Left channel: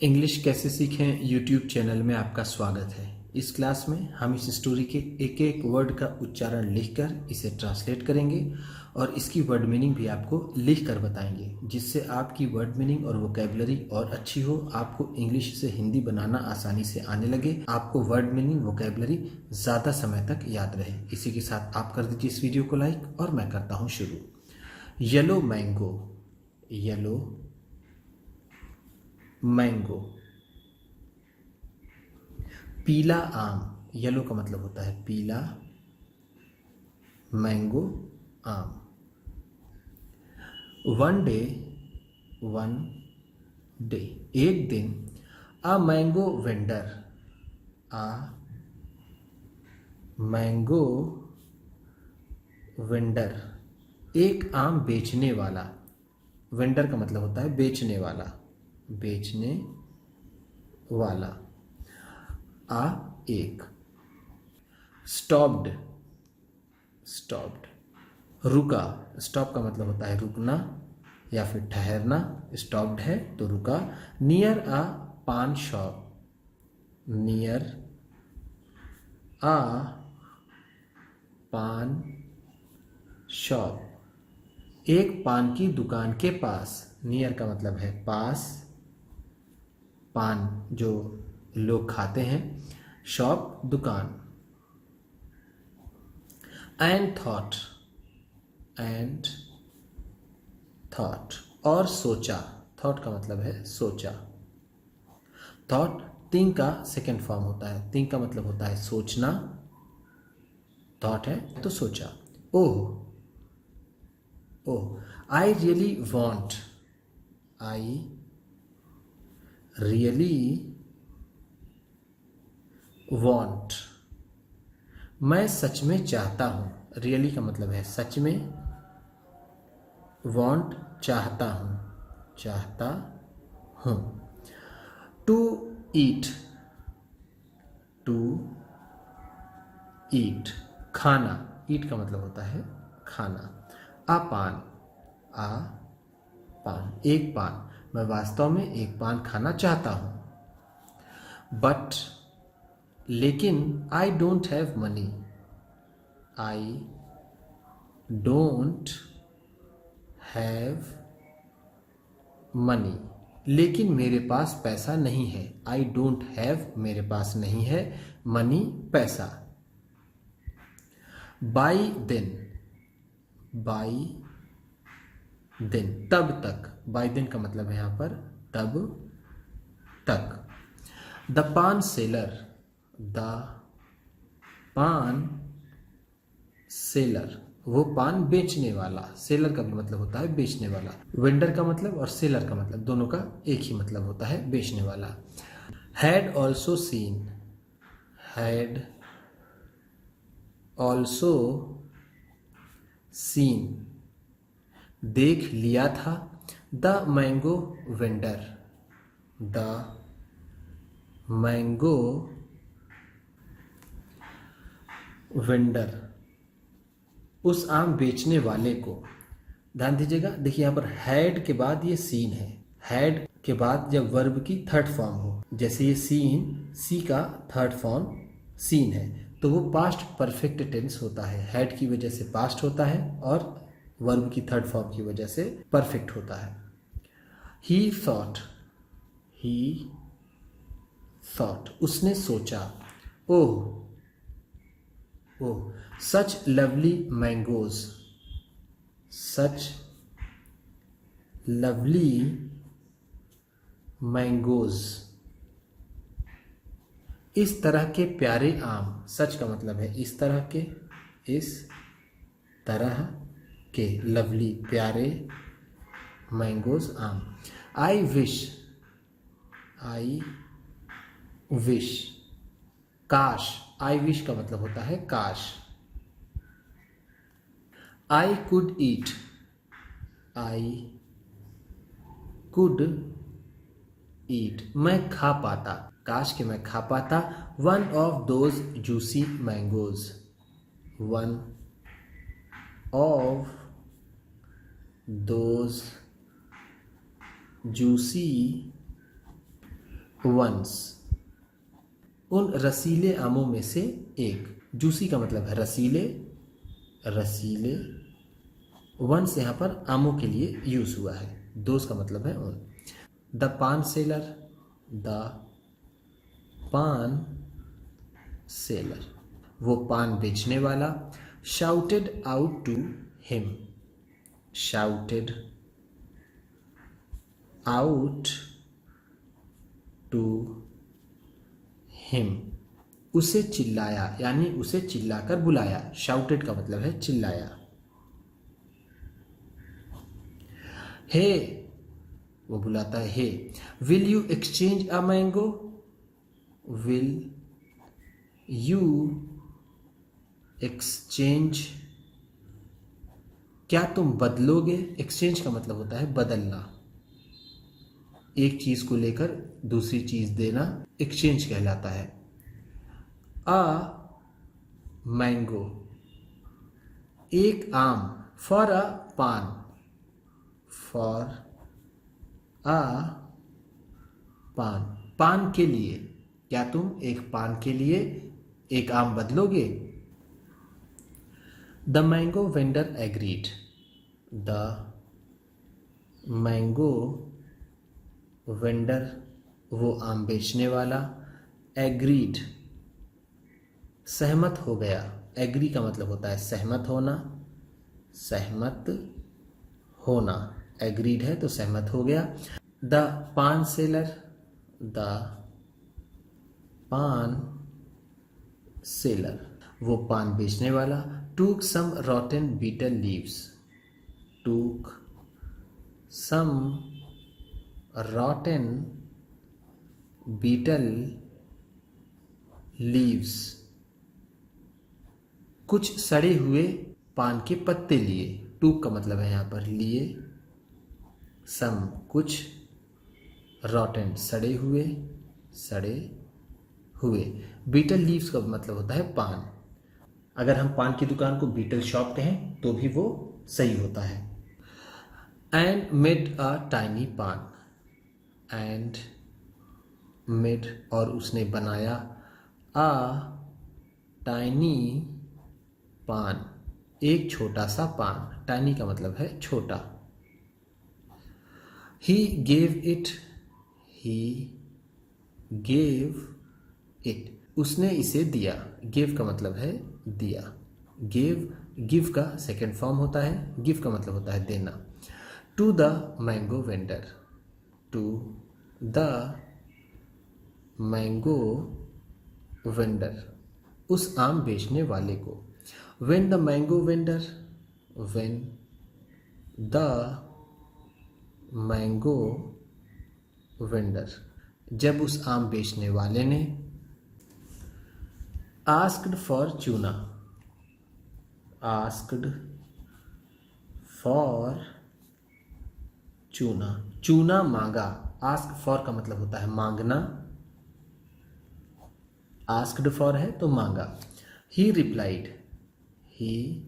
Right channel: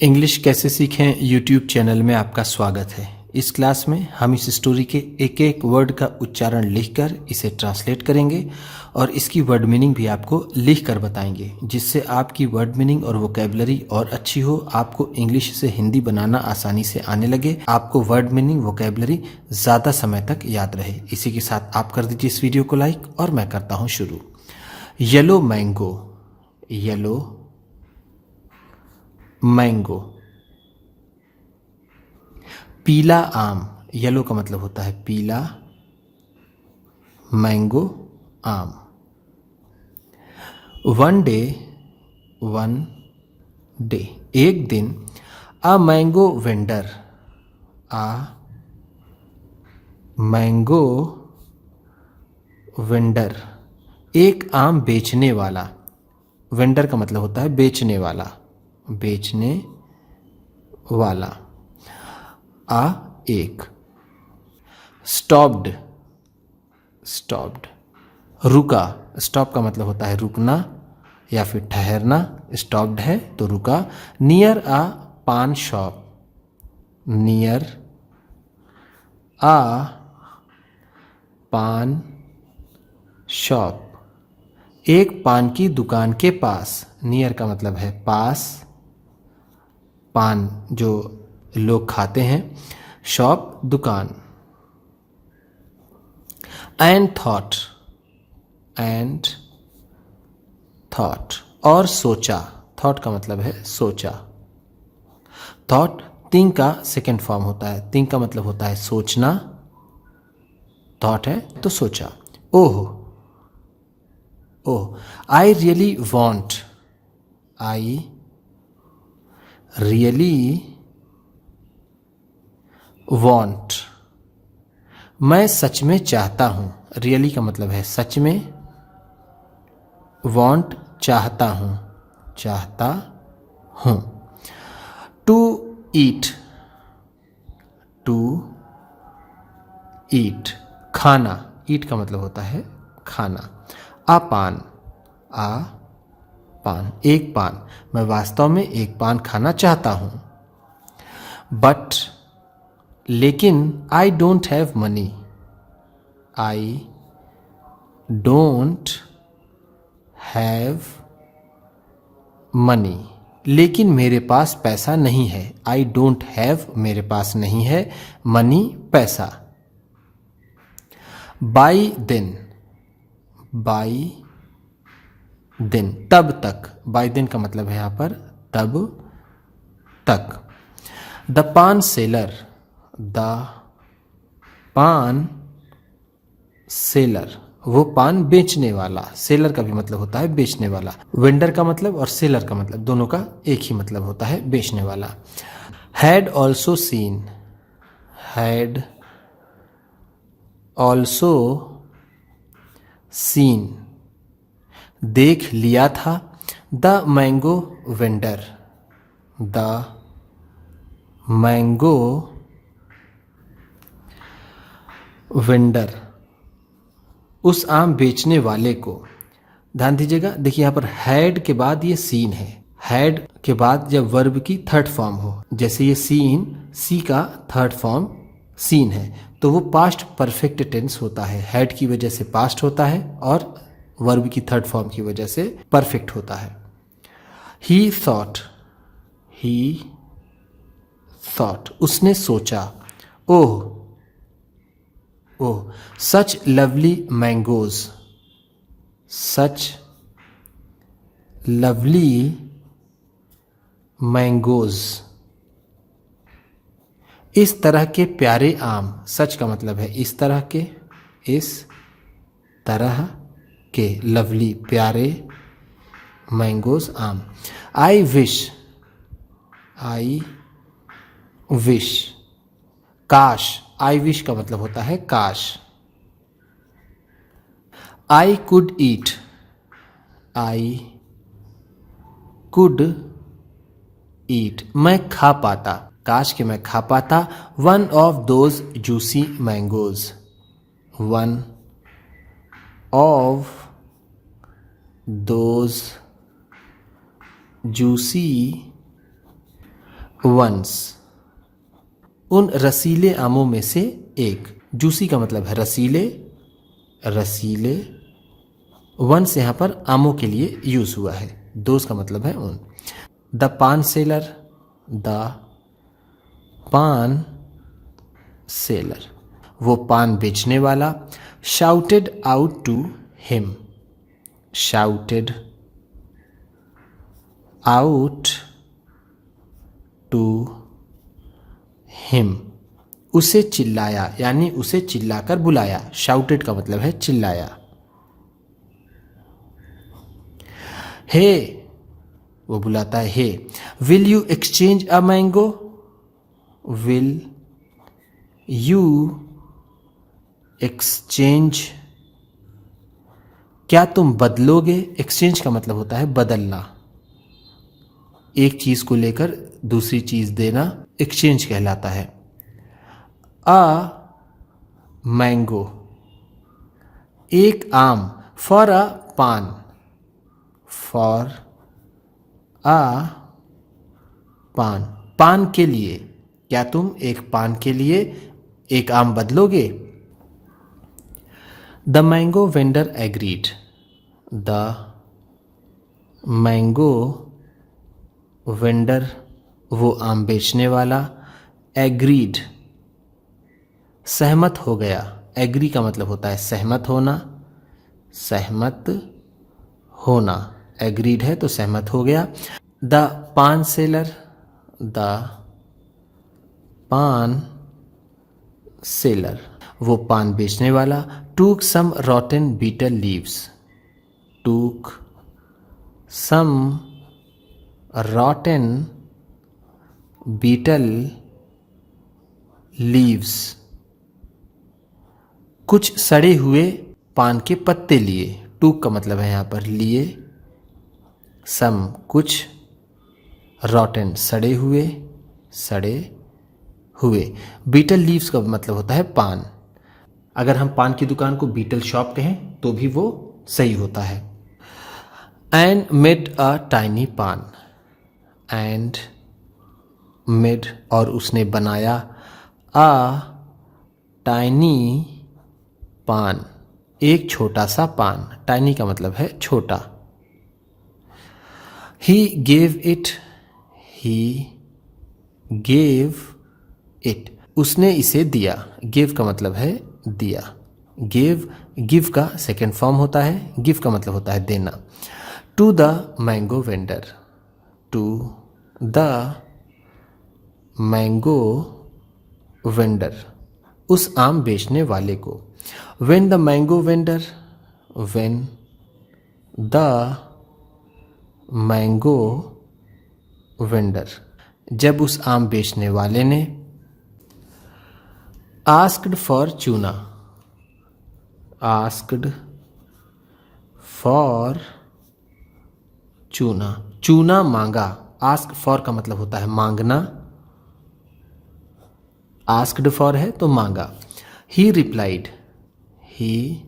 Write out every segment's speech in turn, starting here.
English कैसे सीखें YouTube channel में आपका स्वागत है। इस क्लास में हम इस स्टोरी के एक एक वर्ड का उच्चारण लिखकर इसे ट्रांसलेट करेंगे और इसकी वर्ड मीनिंग भी आपको लिख कर बताएंगे, जिससे आपकी वर्ड मीनिंग और वोकेबलरी और अच्छी हो, आपको इंग्लिश से हिंदी बनाना आसानी से आने लगे, आपको वर्ड मीनिंग वोकेबलरी ज़्यादा समय तक याद रहे। इसी के साथ आप कर दीजिए इस वीडियो को लाइक और मैं करता हूँ शुरू। Yellow mango, yellow mango. पीला आम, येलो का मतलब होता है पीला, मैंगो आम। वन डे, वन डे एक दिन। A mango vendor, a mango vendor एक आम बेचने वाला। वेंडर का मतलब होता है बेचने वाला, बेचने वाला। आ एक। स्टॉप्ड, स्टॉप्ड रुका। स्टॉप का मतलब होता है रुकना या फिर ठहरना। स्टॉप्ड है तो रुका। नियर आ पान शॉप, नियर आ पान शॉप एक पान की दुकान के पास। नियर का मतलब है पास, पान जो लोग खाते हैं, शॉप दुकान। एंड थॉट, एंड थॉट और सोचा। थॉट का मतलब है सोचा। थॉट थिंक का सेकेंड फॉर्म होता है। थिंक का मतलब होता है सोचना, थॉट है तो सोचा। Oh, oh. I really want, I really want मैं सच में चाहता हूँ। रियली का मतलब है सच में, वॉन्ट चाहता हूँ, चाहता हूँ। टू ईट, टू ईट खाना। ईट का मतलब होता है खाना। आ पान, आ पान एक पान। मैं वास्तव में एक पान खाना चाहता हूँ। बट लेकिन I don't have money, I don't have money लेकिन मेरे पास पैसा नहीं है। आई डोंट हैव मेरे पास नहीं है, मनी पैसा। बाई दिन, बाई दिन तब तक। बाई दिन का मतलब है यहाँ पर तब तक। द पान सेलर, द पान सेलर वो पान बेचने वाला। सेलर का भी मतलब होता है बेचने वाला। वेंडर का मतलब और सेलर का मतलब दोनों का एक ही मतलब होता है बेचने वाला। Had also seen, had also seen देख लिया था। The mango vendor, the mango vendor उस आम बेचने वाले को। ध्यान दीजिएगा, देखिए यहाँ पर हैड के बाद ये सीन है। हैड के बाद जब वर्ब की थर्ड फॉर्म हो, जैसे ये सीन, सी का थर्ड फॉर्म सीन है, तो वो पास्ट परफेक्ट टेंस होता है। हैड की वजह से पास्ट होता है और वर्ब की थर्ड फॉर्म की वजह से परफेक्ट होता है। ही थॉट, ही थॉट उसने सोचा। Oh, oh. Such lovely mangoes, such lovely mangoes इस तरह के प्यारे आम। सच का मतलब है इस तरह के, इस तरह के, लवली प्यारे, मैंगोज आम। आई विश, आई विश काश। आई विश का मतलब होता है काश। I could eat, I could ईट मैं खा पाता, काश के मैं खा पाता। One of those juicy mangoes, one of those juicy ones, उन रसीले आमों में से एक। जूसी का मतलब है रसीले, रसीले। वंस यहाँ पर आमों के लिए यूज हुआ है, दोस्त का मतलब है उन। द पान सेलर, द पान सेलर, वो पान बेचने वाला। Shouted out to him, shouted out to him, उसे चिल्लाया, यानी उसे चिल्लाकर बुलाया। शाउटेड का मतलब है चिल्लाया। हे, वो बुलाता है hey. Will you exchange a mango, will you exchange, क्या तुम बदलोगे। एक्सचेंज का मतलब होता है बदलना, एक चीज को लेकर दूसरी चीज देना एक्सचेंज कहलाता है। अ मैंगो, एक आम। फॉर अ पान, फॉर अ पान, पान के लिए, क्या तुम एक पान के लिए एक आम बदलोगे। The mango vendor agreed, the mango vendor, वो आम बेचने वाला। एग्रीड, सहमत हो गया। एग्री का मतलब होता है सहमत होना, सहमत होना। एग्रीड है तो सहमत हो गया। द पान सेलर, द पान सेलर, वो पान बेचने वाला। टूक सम रॉटन बीटल लीव्स, टूक सम रॉटन बीटल लीव्स, कुछ सड़े हुए पान के पत्ते लिए। टूक का मतलब है यहाँ पर लिए, सम कुछ, रॉटन सड़े हुए, सड़े हुए। बीटल लीव्स का मतलब होता है पान। अगर हम पान की दुकान को बीटल शॉप कहें तो भी वो सही होता है। एंड मेड अ टाइनी पान, एंड मेड, और उसने बनाया। अ टाइनी पान, एक छोटा सा पान। टाइनी का मतलब है छोटा। He gave it, he gave it, उसने इसे दिया। गिव का मतलब है दिया। गिव, गिव का सेकेंड फॉर्म होता है। गिव का मतलब होता है देना। To the mango vendor, to the mango vendor, उस आम बेचने वाले को। When the mango vendor, when the mango vendor, जब उस आम बेचने वाले ने। Asked for chuna, asked for chuna, चूना मांगा। आस्क फॉर का मतलब होता है मांगना, आस्क्ड फॉर है तो मांगा। ही रिप्लाइड, ही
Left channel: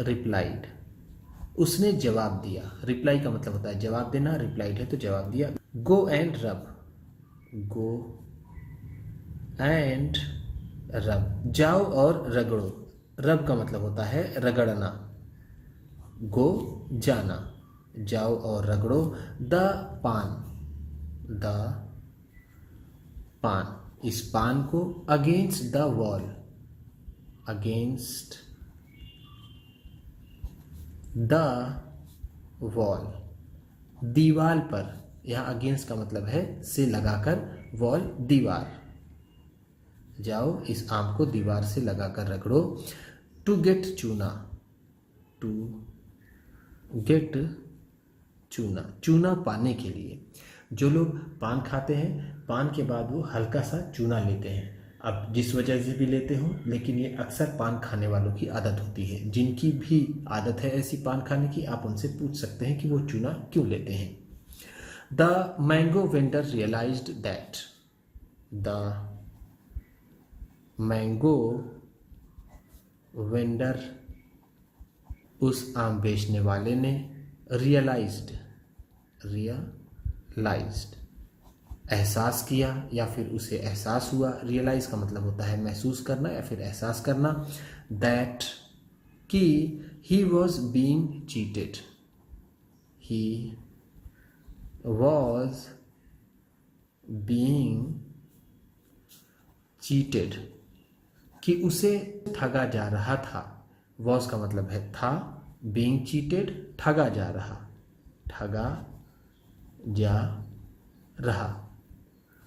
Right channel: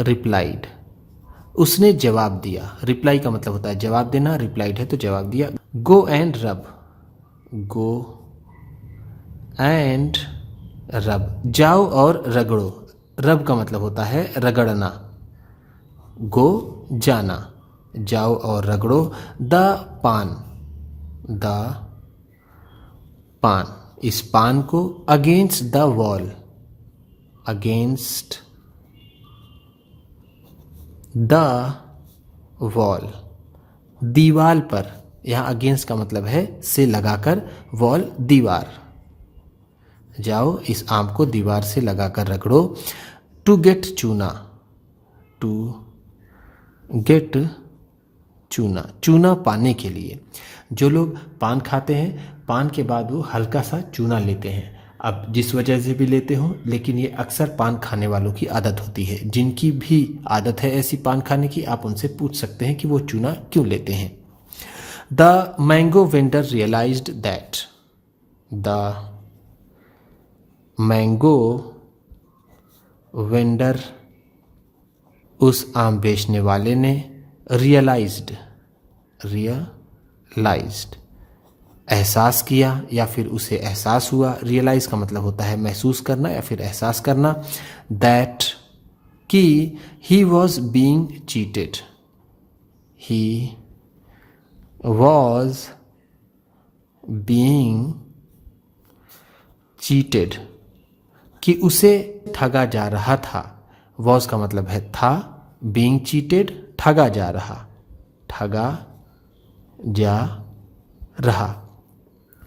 रिप्लाइड, उसने जवाब दिया। रिप्लाई का मतलब होता है जवाब देना, रिप्लाइड है तो जवाब दिया। गो एंड रब, गो एंड रब, जाओ और रगड़ो। रब का मतलब होता है रगड़ना। गो जाना, जाओ और रगड़ो। द पान, द पान, इस पान को। Against the wall, against the wall, दीवार पर। यहाँ अगेंस्ट का मतलब है से लगाकर, वॉल दीवार। जाओ इस आम को दीवार से लगाकर रगड़ो। टू गेट चूना, टू गेट चूना, चूना पाने के लिए। जो लोग पान खाते हैं, पान के बाद वो हल्का सा चूना लेते हैं। अब जिस वजह से भी लेते हो, लेकिन ये अक्सर पान खाने वालों की आदत होती है। जिनकी भी आदत है ऐसी पान खाने की, आप उनसे पूछ सकते हैं कि वो चूना क्यों लेते हैं। The mango vendor realised that, the mango vendor, उस आम बेचने वाले ने। रियलाइज्ड, रियलाइज्ड, एहसास किया या फिर उसे एहसास हुआ। रियलाइज़ का मतलब होता है महसूस करना या फिर एहसास करना। दैट कि he was being cheated, he was being cheated, कि उसे ठगा जा रहा था। वॉज का मतलब है था, बीइंग चीटेड ठगा जा रहा, ठगा जा रहा।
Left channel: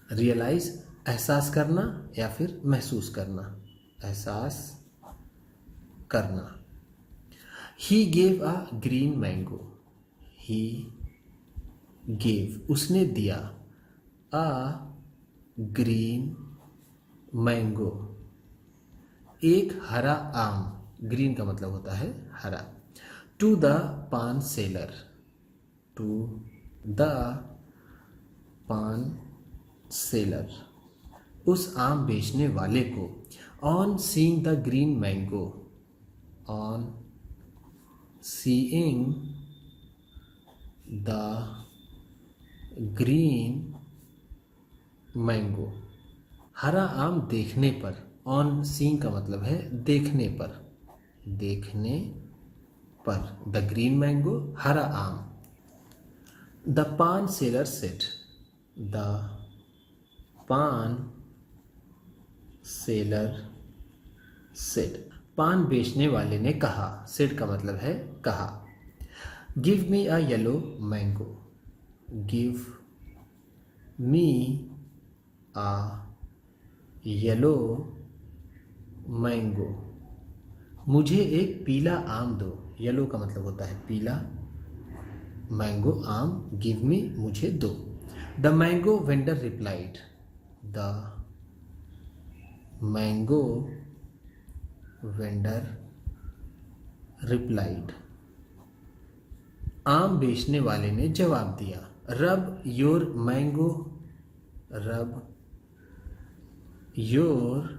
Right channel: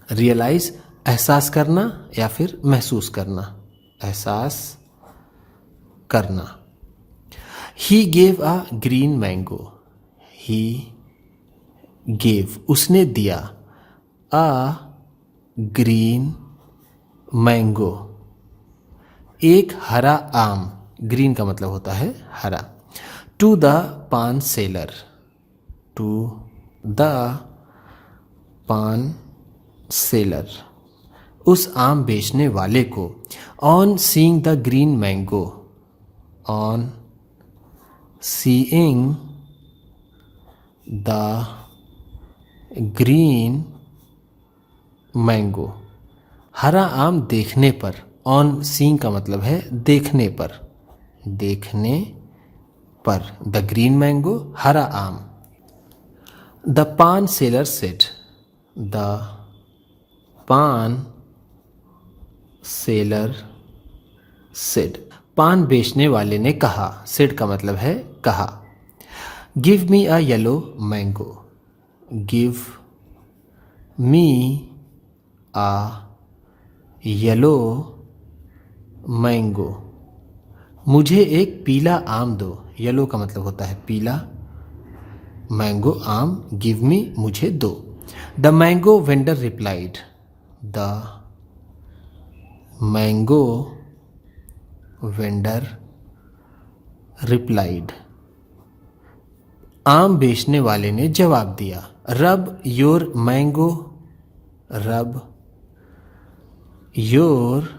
रियलाइज एहसास करना या फिर महसूस करना, एहसास करना। He gave a green mango, he gave उसने दिया, अ ग्रीन मैंगो एक हरा आम, ग्रीन का मतलब होता है हरा, टू द पान सेलर, टू द पान सेलर उस आम बेचने वाले को। On seeing the green mango, on seeing the green mango हरा आम देखने पर। ऑन सीइंग का मतलब है देखने पर, देखने पर। द ग्रीन मैंगो हरा आम। द पान सेलर सेड, द पान सेलर सेड पान बेचने वाले ने कहा। सेड का मतलब है कहा। गिव मी अ येलो मैंगो, गिव मी अ येलो मैंगो मुझे एक पीला आम दो। येलो का मतलब होता है पीला, मैंगो आम, गिव मी मुझे दो। The mango vendor replied, the mango vendor replied आम बेचने वाले ने जवाब दिया। Rub your mango, rub your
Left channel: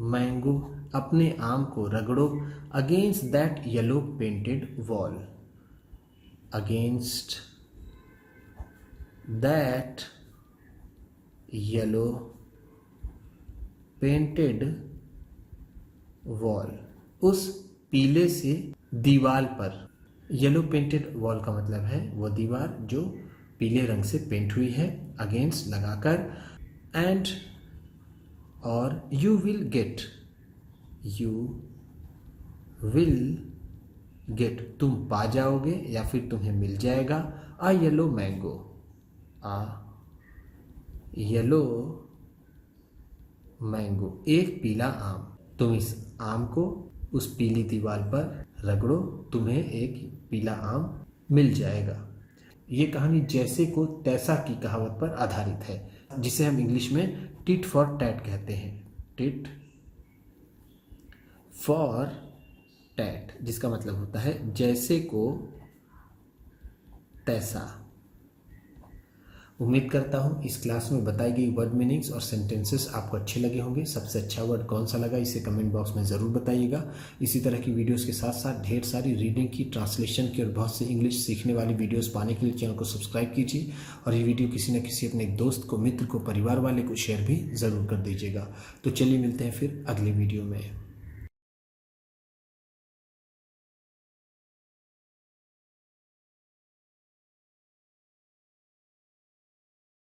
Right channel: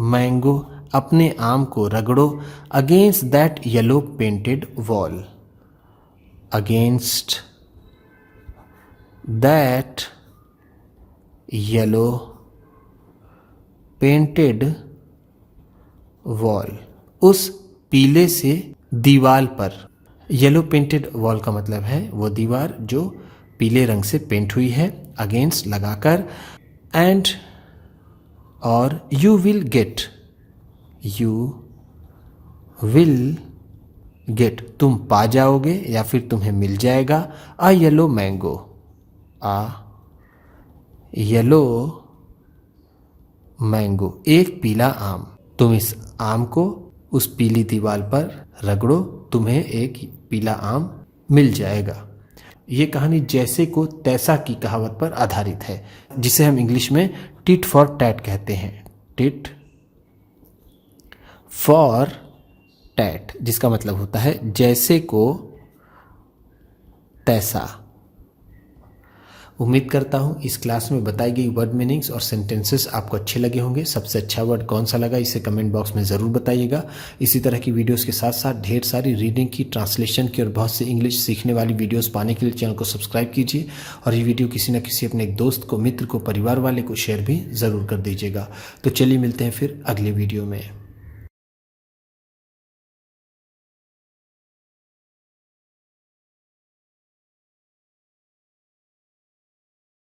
mango अपने आम को रगड़ो। Against that yellow painted wall, against that yellow painted wall उस पीले से दीवार पर। येलो पेंटेड वॉल का मतलब है वो दीवार जो पीले रंग से पेंट हुई है, अगेंस्ट लगाकर। एंड और you will get, you will get तुम पा जाओगे या फिर तुम्हें मिल जाएगा। अ येलो मैंगो, अ येलो मैंगो एक पीला आम। तुम इस आम को उस पीली दीवार पर रगड़ो, तुम्हें एक पीला आम मिल जाएगा। ये कहानी जैसे को तैसा की कहावत पर आधारित है, जिसे हम इंग्लिश में टिट फॉर टैट कहते हैं। टिट फॉर टैट, जिसका मतलब होता है जैसे को तैसा। उम्मीद करता हूँ इस क्लास में बताई गई वर्ड मीनिंग्स और सेंटेंसेस आपको अच्छे लगे होंगे। सबसे अच्छा वर्ड कौन सा लगा इसे कमेंट बॉक्स में ज़रूर बताइएगा। इसी तरह की वीडियोस के साथ साथ ढेर सारी रीडिंग की, ट्रांसलेशन की और बहुत से इंग्लिश सीखने वाली वीडियोस पाने के लिए चैनल को सब्सक्राइब कीजिए और ये वीडियो किसी न किसी अपने एक दोस्त को, मित्र को, परिवार वाले को शेयर भी ज़रूर कर दीजिएगा। तो चलिए मिलते हैं फिर अगले वीडियो में।